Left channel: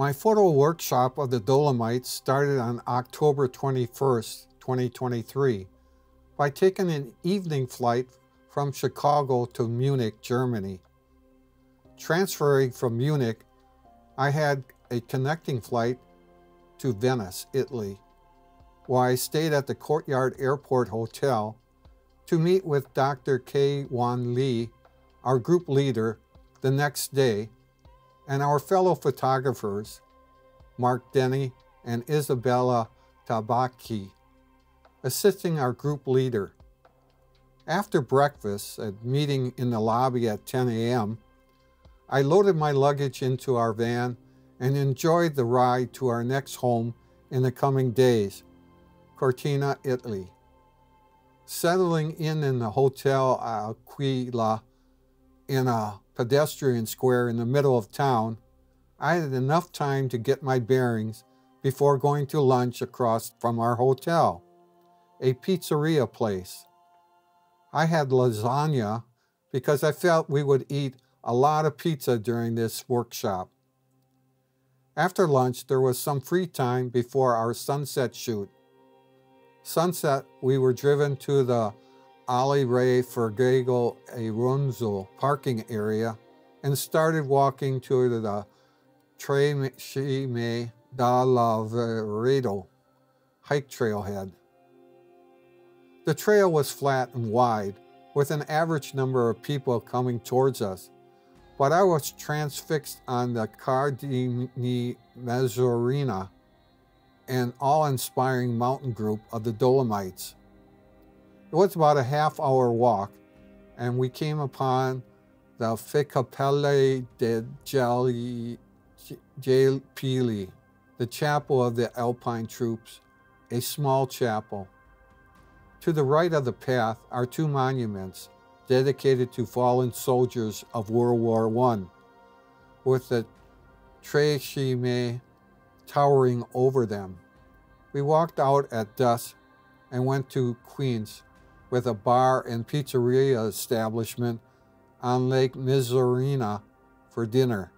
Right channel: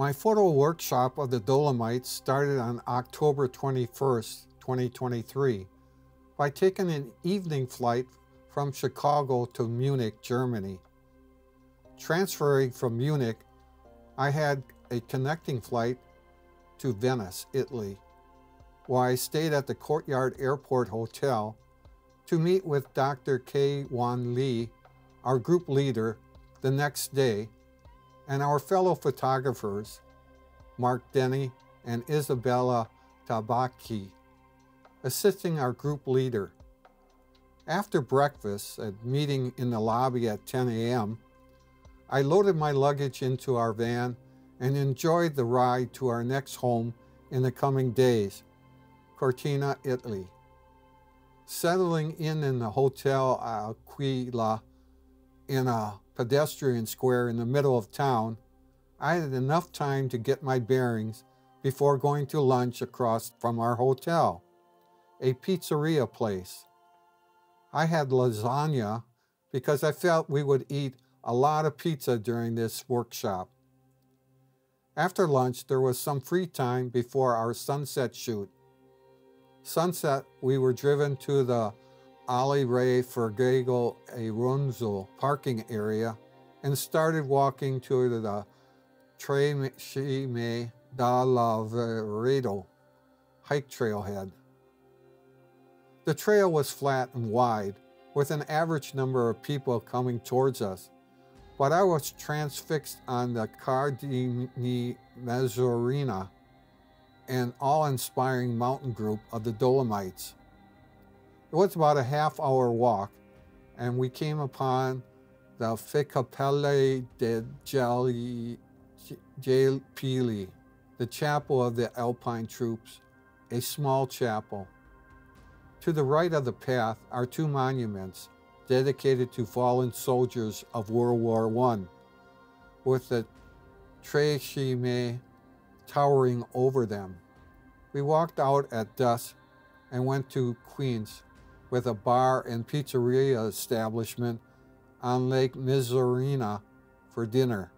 My photo workshop of the Dolomites started on October 21st, 2023, by taking an evening flight from Chicago to Munich, Germany. Transferring from Munich, I had a connecting flight to Venice, Italy, where I stayed at the Courtyard Airport Hotel to meet with Dr. Kah-Wah Lin, our group leader, the next day, and our fellow photographers, Mark Denney and Isabella Tabacchi, assisting our group leader. After breakfast, a meeting in the lobby at 10 a.m., I loaded my luggage into our van and enjoyed the ride to our next home in the coming days, Cortina, Italy. Settling in the Hotel Aquila in a pedestrian square in the middle of town, I had enough time to get my bearings before going to lunch across from our hotel, a pizzeria place. I had lasagna because I felt we would eat a lot of pizza during this workshop. After lunch, there was some free time before our sunset shoot. Sunset, we were driven to the Rifugio Auronzo parking area and started walking to the Tre Cime Lavaredo hike trailhead. The trail was flat and wide, with an average number of people coming towards us, but I was transfixed on the Cadini di Misurina, an awe-inspiring mountain group of the Dolomites. It was about a half-hour walk, and we came upon the Cappella degi, the chapel of the Alpine troops, a small chapel. To the right of the path are two monuments dedicated to fallen soldiers of World War I, with the Tre Cime towering over them. We walked out at dusk and went to Quinz, with a bar and pizzeria establishment on Lake Misurina, for dinner.